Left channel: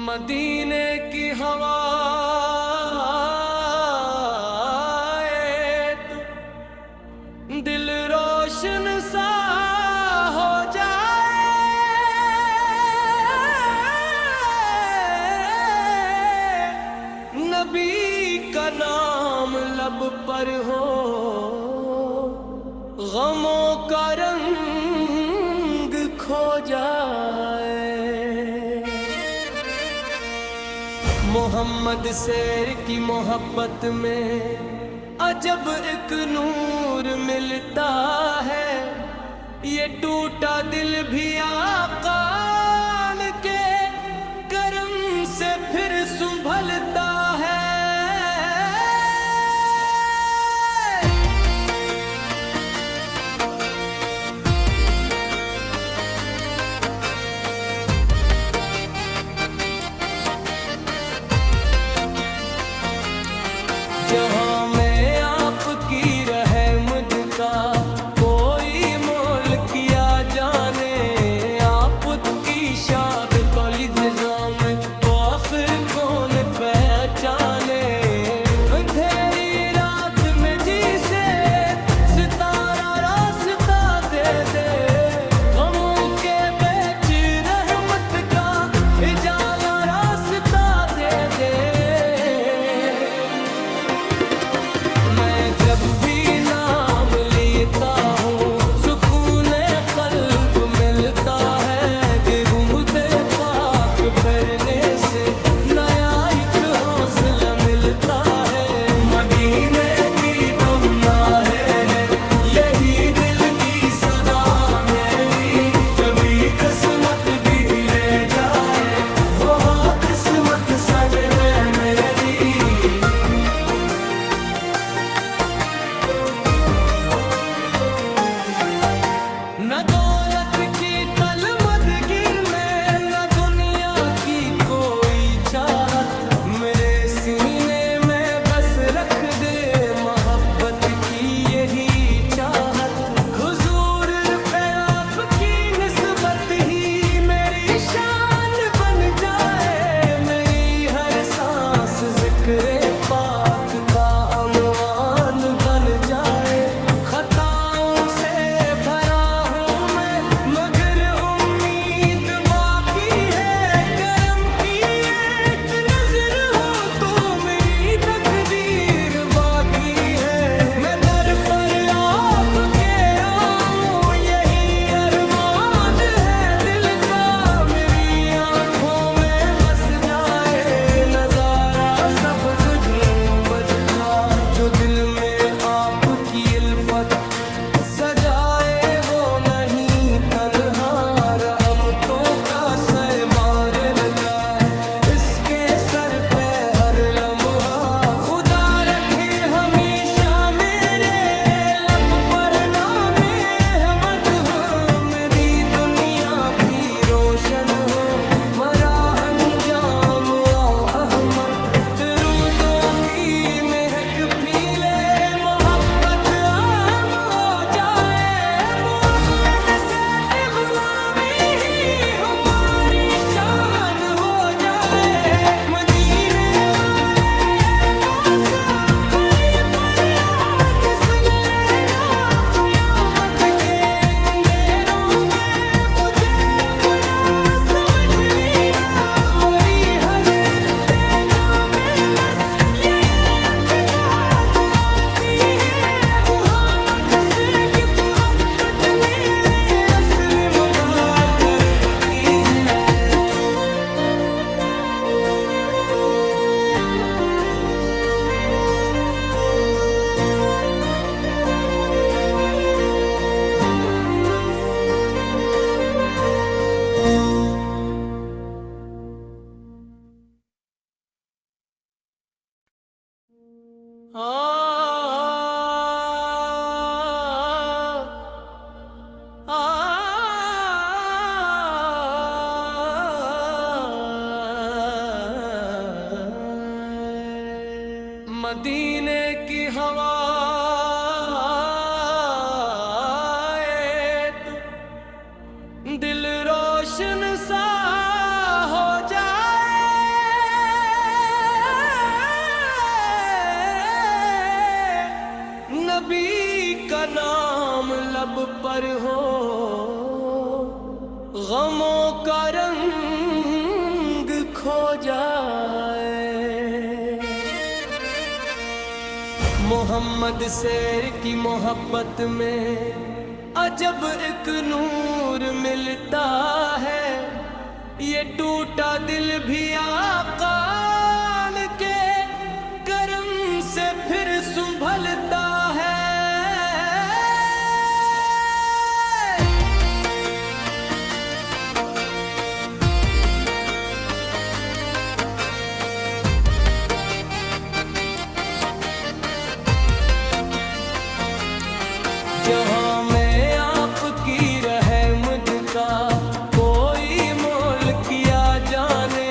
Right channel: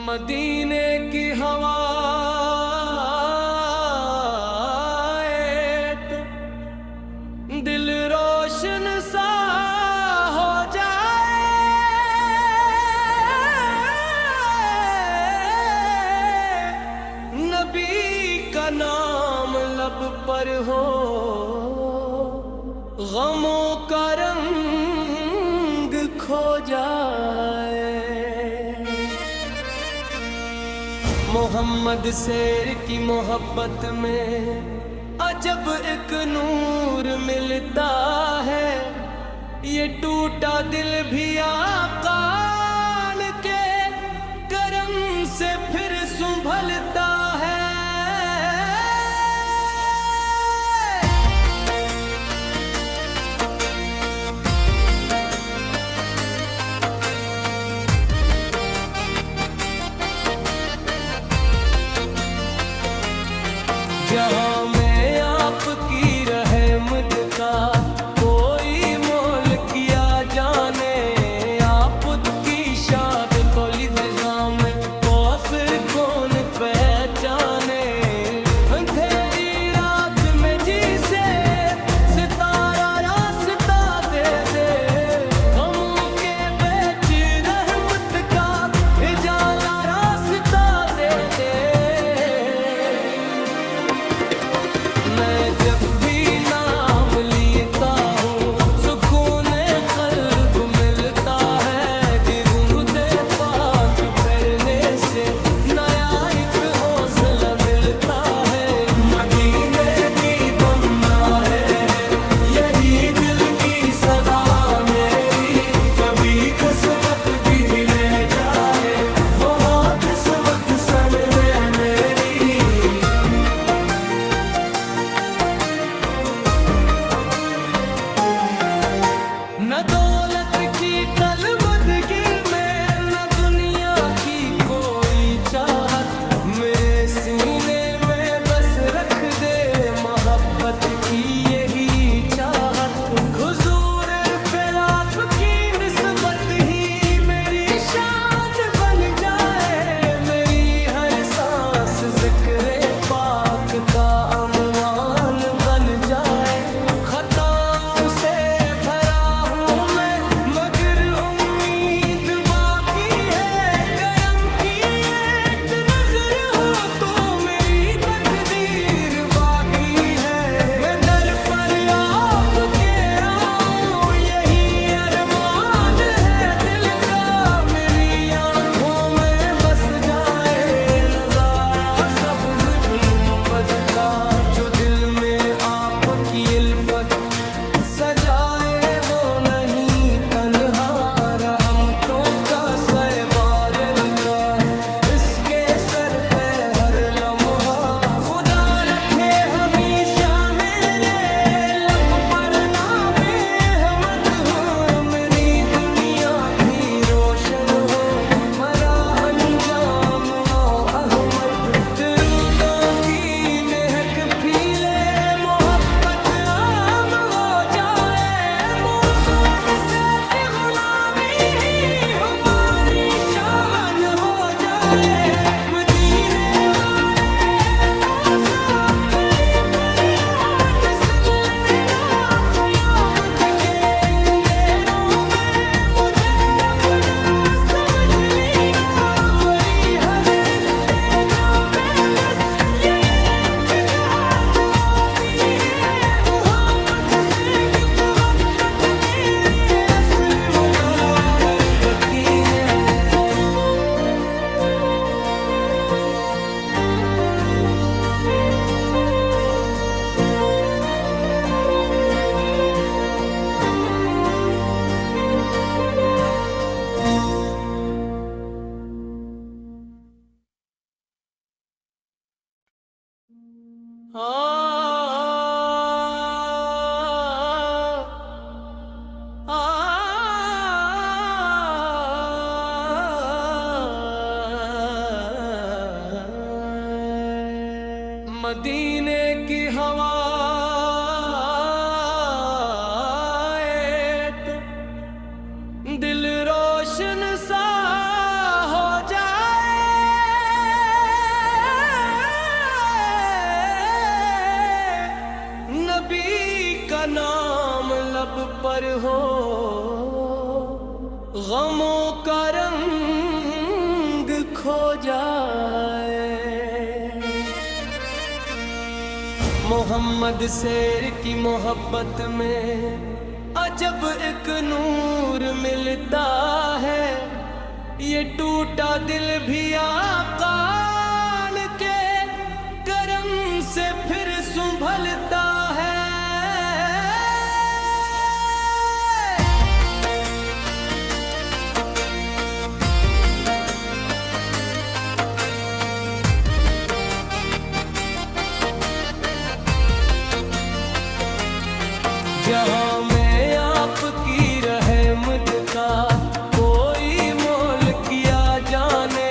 मदीने की हवा तो दिल रोशन सा हो जाए। नबी का नाम लब पर हो, गमों का रंग खो जाए। मोहम्मद शेर की मोहब्बत में अजब एक नूर मिलता है। ये टूटा दिल भी आका के करम से फिर संभलता है। जहाँ में आपकी रहमत का कोई मोल किया जाने। आपकी शाद को लिज़ाम में काफिर कौन पहचाने। अंधेरी रात में जिसे सितारा रास्ता दे दे, गमों के बीच रहमत का उजाला रास्ता दे दे। मैं जब भी नाम लेता हूँ सुकून क़ल्ब मिलता है। गुंबदे पाक फिरने से नया एक हौसला मिलता है। मदीने की तमन्ना है यही दिल की सदा मेरी। कभी किस्मत भी ले जाए वो किस्मत संग है मेरी। न दौलत की तलमदगी में न दुनिया की कोई चाहत। मेरे सीने में बस रख दे मोहब्बत की यही चाहत। हुजूर फिर आपकी निस्बत ही मेरी शान बन जाए। मेरी हर सांस ज़िक्र पाक का उन्वान बन जाए। खताओं से भरा हूँ मैं मगर उम्मीद बाकी है। करम की एक नजर हो तो मेरी तकदीर बाकी है। मैं दर पर आपके आऊं यही अरमान है दिल का। मेरी आंखों में बस जाए नजारा सब्ज़ गुंबद का। जो दिल में आपकी इल्फत सजाए वो नहीं तन्हा। रहमतों का सहबार रहता है इसके सर पे हर लम्हा। खुदा रखे हमेशा मेरे लब पर नामे अहमद हो। मेरी दुनिया भी रोशन हो मरा अंजाम आओ अहमद। दरूदों की महक फीले मोहब्बत आम हो जाए। मोहब्बत से गुलामी ही हमारी शान हो जाए। मदीने वाले मौसा मेरी फरियाद सुन लेना। क़यामत के अंधेरों में मुझे अपना समझ लेना। मरी हर तेजा में बस ये एक गाज आपी है। मुहम्मद से किफ़रत कच मेरे असली मदा तलबकी है। मदीने की हवा तो दिल रोशन सा हो जाए। नबी का नाम लब पर हो, गमों का रंग खो जाए। मोहम्मद शेर की मोहब्बत में अजब एक नूर मिलता है। ये टूटा दिल भी आका के करम से फिर संभलता है। जहाँ में आपकी रहमत का कोई मोल किया जाने।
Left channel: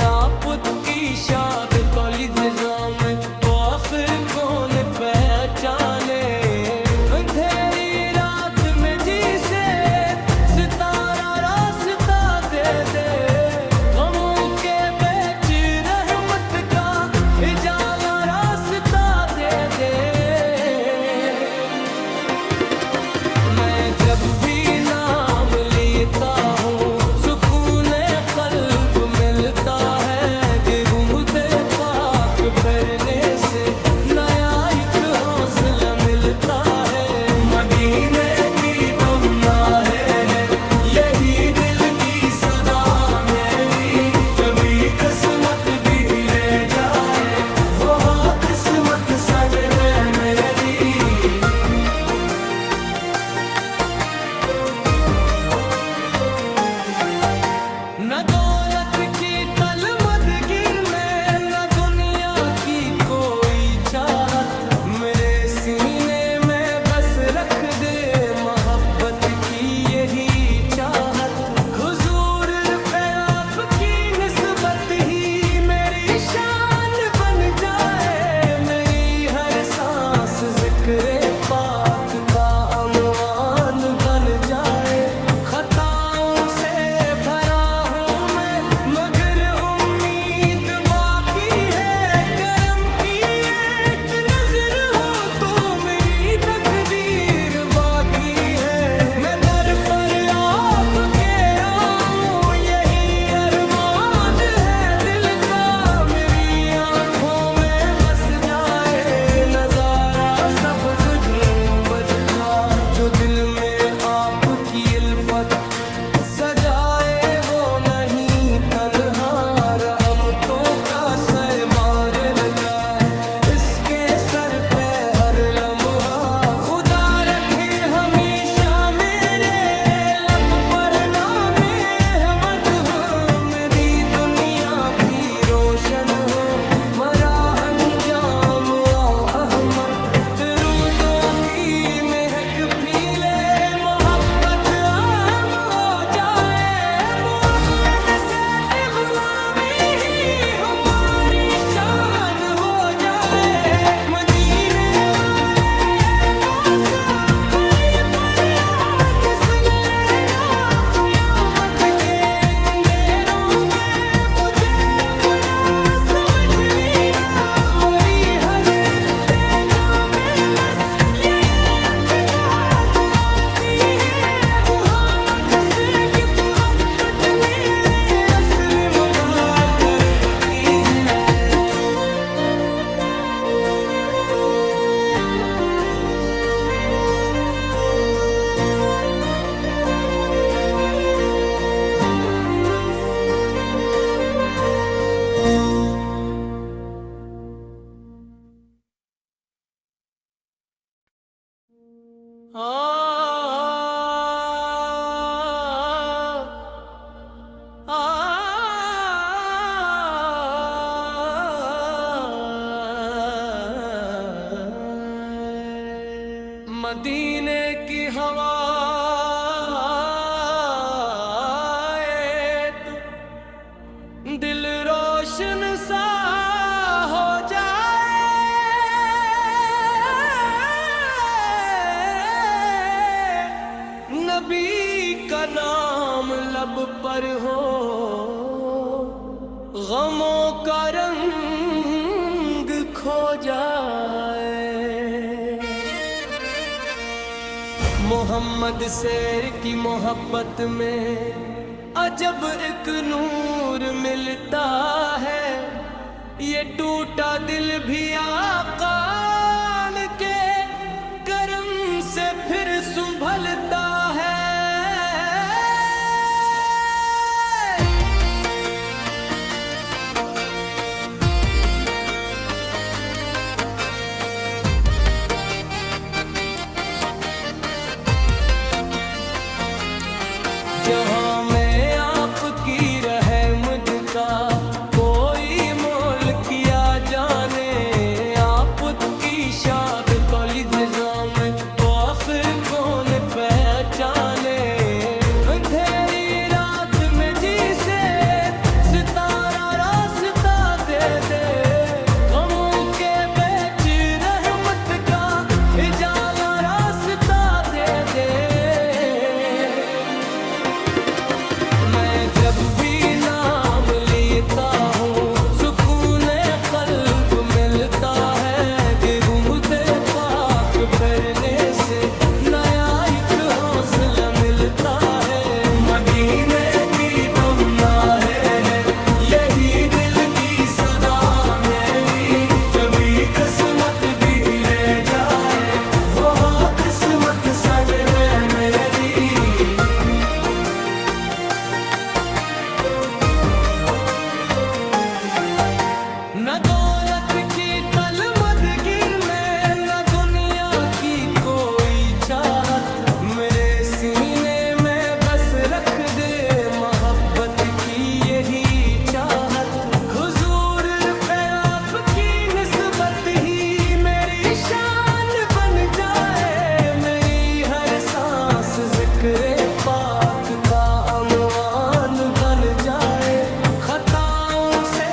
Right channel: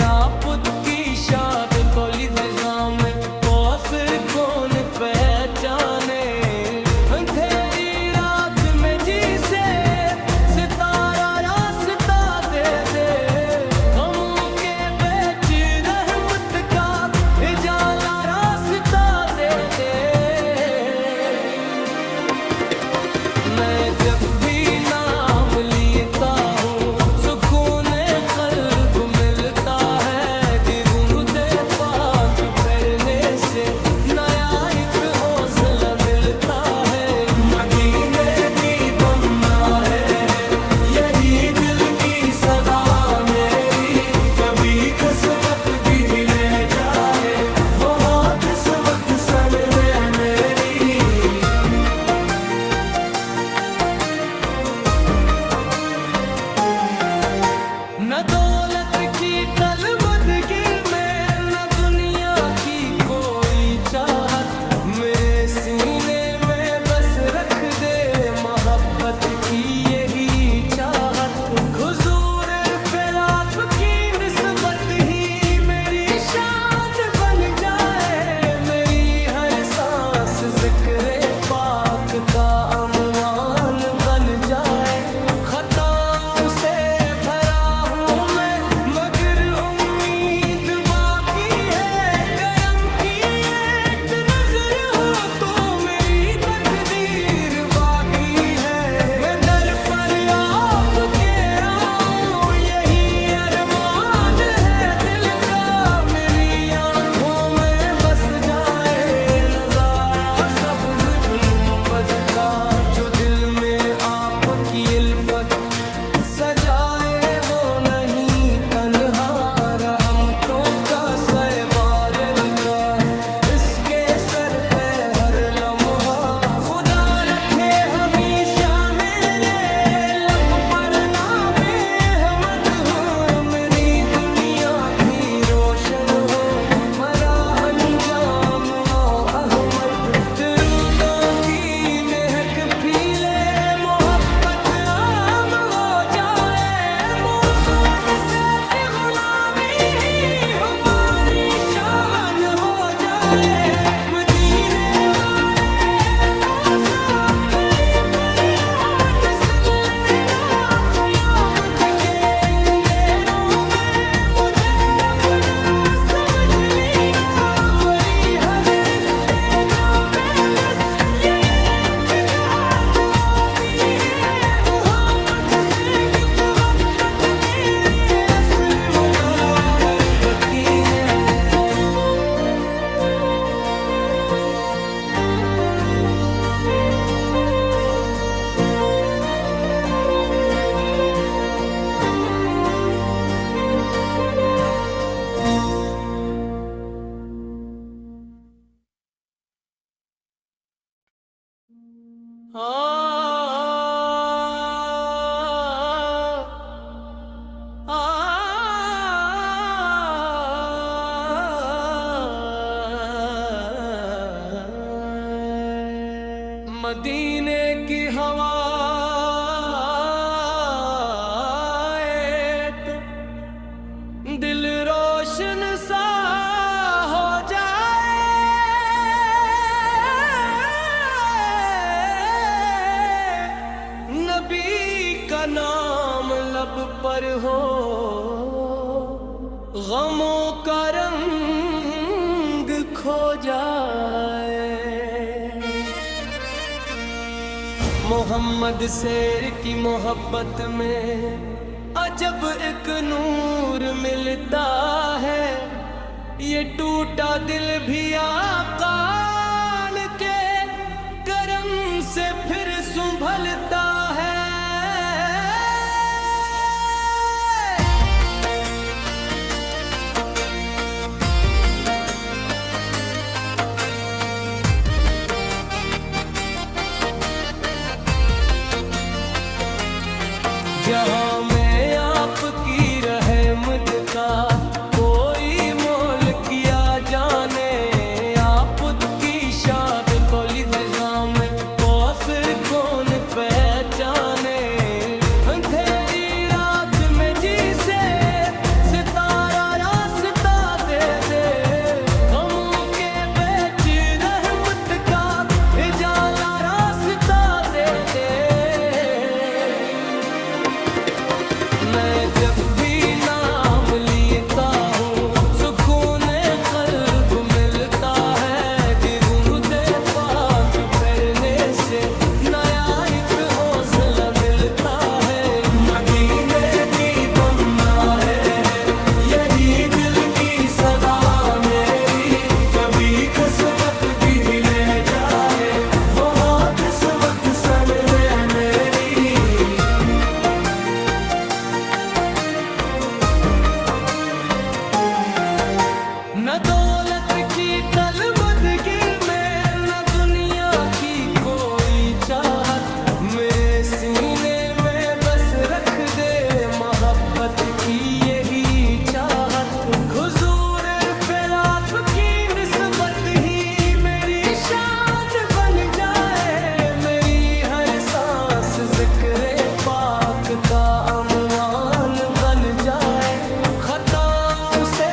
आपकी शाद को लिज़ाम में काफिर कौन पहचाने। अंधेरी रात में जिसे सितारा रास्ता दे दे, गमों के बीच रहमत का उजाला रास्ता दे दे। मैं जब भी नाम लेता हूँ सुकून क़ल्ब मिलता है। गुरुदे पाक फिरने से नया एक हौसला मिलता है। मदीने की दुआ है यही दिल की सदा मेरी। कभी किस्मत भी ले जाए वो किस्मत संग है मेरी। न दौलत की तलमदगी में न दुनिया की कोई चाहत। मेरे सीने में बस रख दे मोहब्बत की यही चाहत। हुजूर पे आपकी निस्बत ही मेरी शान बन जाए। मेरी हर सांस ज़िक्र पाक का उन्वान बन जाए। खताओं से भरा हूँ मैं मगर उम्मीद बाकी है। करम की एक नजर हो तो मेरी तकदीर बाकी है। मैं दर पर आपके आऊं यही अरमान है दिल का। मेरी आंखों में बस जाए नजारा सब्ज़ गुंबद का। जो दिल में आपकी इल्फत सजाए वो नहीं तन्हा। रहमतों का सहबार का है इसके सर पे हर लम्हा। खुदा रखे हमेशा मेरे लब पर नामे अहमद हो। मेरी दुनिया भी रोशन हो मरा अंजाम आओ अहमद। दरूदों की महक फीले मोहब्बत आम हो जाए। मोहम्मद से गुलामी ही हमारी शान हो जाए। मदीने वाले मौसा मेरी फरियाद सुन लेना। क़यामत के अंधेरों में मुझे अपना समझ लेना। मरी हर तेजा में बस यही इत्तेकाद आती है। मुहम्मद से गिफ्त मेरे असली मदा कल्ब की है। आ मदीने की हवा तो दिल रोशन सा हो जाए। लब पर हो, गमों का रंग खो जाए। मोहम्मद शेर की मोहब्बत में अजब एक नूर मिलता है, ये टूटा दिल भी आका के करम से फिर संभलता है। जहाँ में आपकी रहमत का कोई मोल किया जाने, आपकी शाद कौलिज़ाम काफिर कौन पहचाने। अंधेरी रात में जिसे सितारा रास्ता दे दे, गमों के बीच रहमत का उजाला रास्ता दे दे। मैं जब भी नाम लेता हूँ सुकून क़ल्ब मिलता है, गुनगुते पाक फिरने से नया एक हौसला मिलता है। मदीने की तमन्ना है यही दिल की सदा मेरी, कभी किस्मत भी ले जाए वो हाँ किस्मत संग है मेरी। न दौलत की तलमदगी में न दुनिया की कोई चाहत, मेरे सीने में बस रख दे मोहब्बत की यही चाहत। हुजूर फिर आपकी निस्बत ही मेरी शान बन जाए, मेरी हर सांस ज़िक्र पाक का उन्वान बन जाए। खताओं से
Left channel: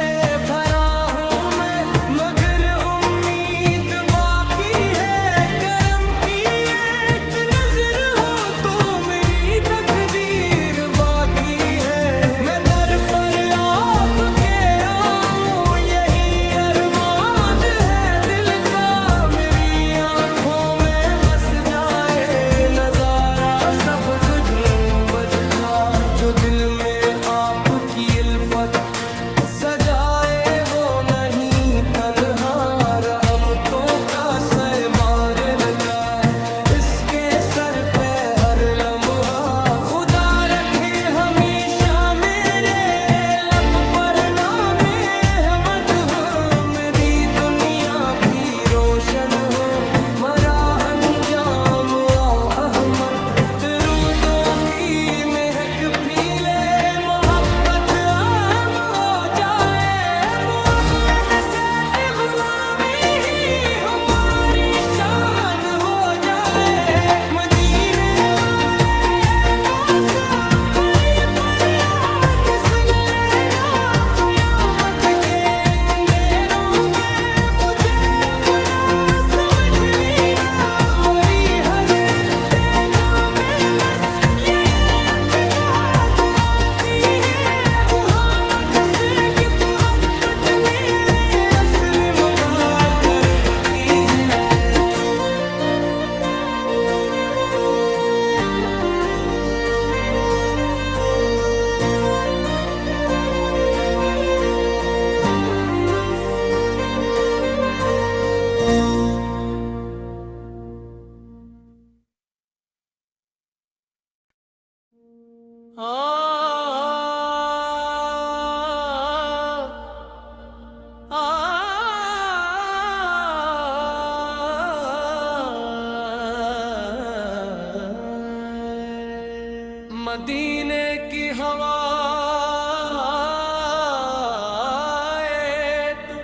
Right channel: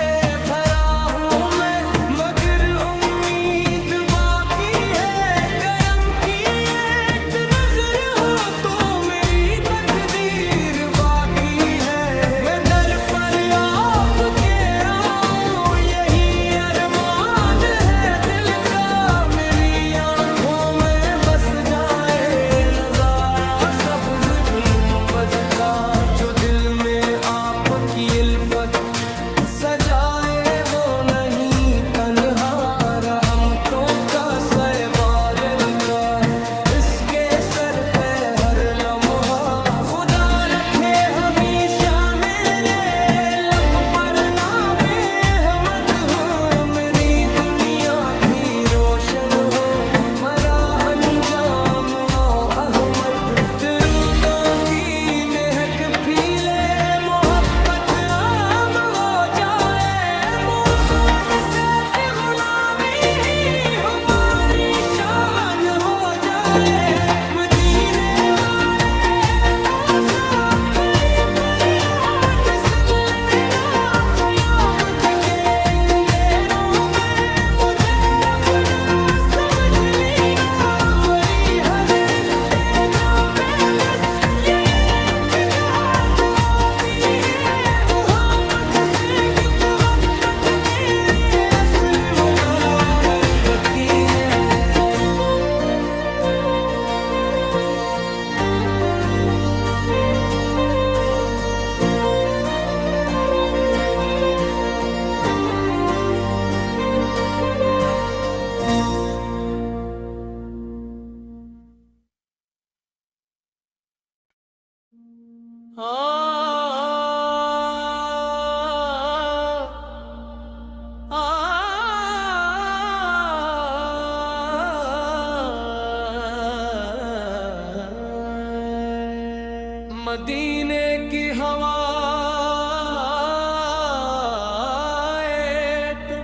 भरा हूँ मैं मगर उम्मीद बाकी है, करम की एक नजर हो तो मेरी तकदीर बाकी है। मैं दर पर आपके आऊं यही अरमान है दिल का, मेरी आंखों में बस जाए नजारा सब्ज़ गुंबद का। जो दिल में आपकी इल्फत सजाए वो नहीं तन्हा, रहमतों का सहबार का है इसके सर पे हर लम्हा। खुदा रखे हमेशा मेरे लब पर नामे अहमद हो, मेरी दुनिया भी रोशन हो मरा अंजाम आओ अहमद। दरूदों की महक फीले मोहब्बत आम हो जाए, मोहब्बत से की गुलामी ही हमारी शान हो जाए। मदीने वाले मौसा मेरी फरियाद सुन लेना, क़यामत के अंधेरों में मुझे अपना समझ लेना। मरी हर तेजा में बस ये इत्तेकाद आती है, मुहम्मद से गिफ़्त मेरे असली मदा तर्बती है। मदीने की हवा तो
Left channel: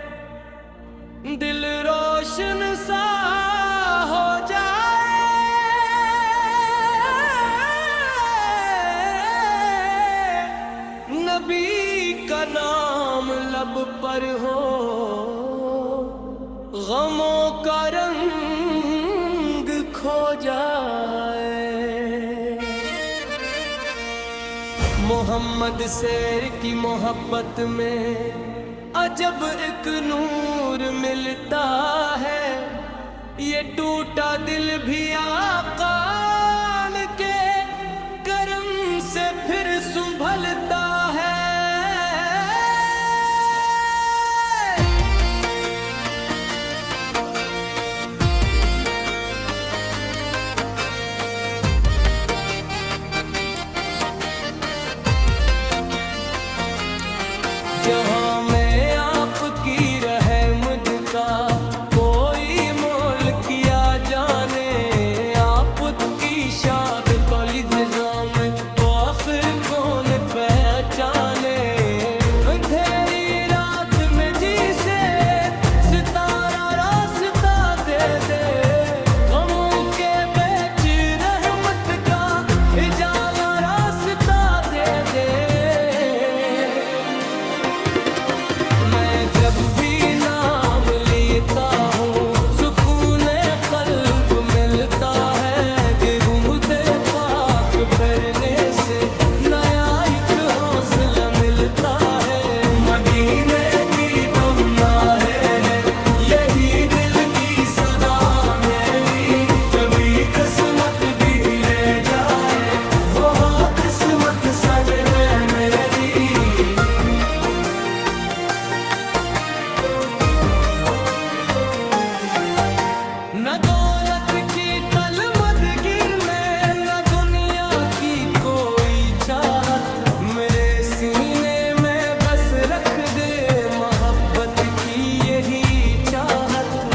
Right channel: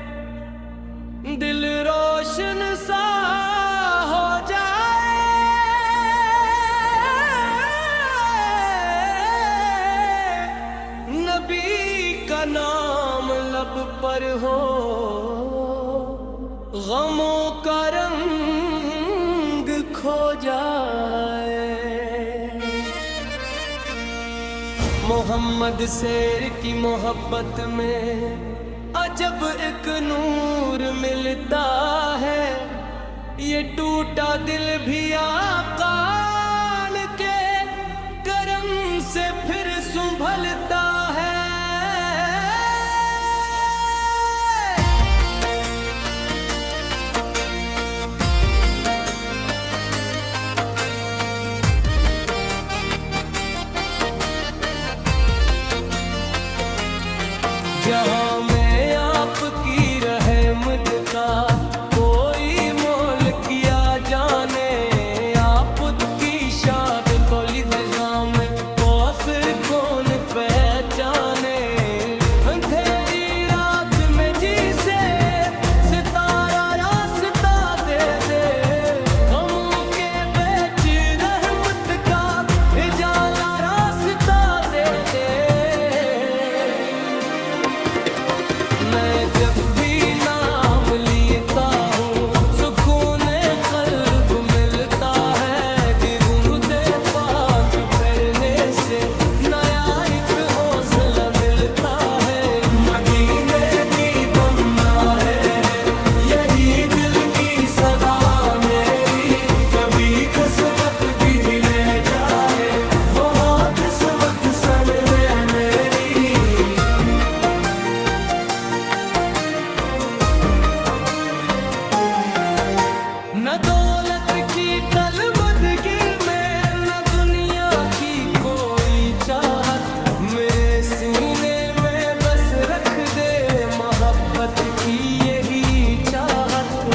दिल रोशन सा हो जाए। नबी का नाम लब पर हो, गमों का रंग खो जाए। मोहम्मद शेर की मोहब्बत में अजब एक नूर मिलता है, ये टूटा दिल भी आकान के करम से फिर संभलता है। जहाँ में आपकी रहमत का कोई मोल किया जाने, आपकी शाद कौलिज़ाम में कौसर कौन पहचाने। अंधेरी रात में जिसे सितारा रास्ता दे दे, गमों के बीच रहमत का उजाला रास्ता दे दे। मैं जब भी नाम लेता हूँ सुकून क़ल्ब मिलता है, कि घूमते पाक फिरने से नया एक हौसला मिलता है। मदीने की तमन्ना है यही दिल की सदा मेरी, कभी किस्मत भी ले जाए वो किस्मत संग है मेरी। न दौलत की तलमदगी में न दुनिया की कोई चाहत, मेरे सीने में बस रख दे मोहब्बत की यही चाहत।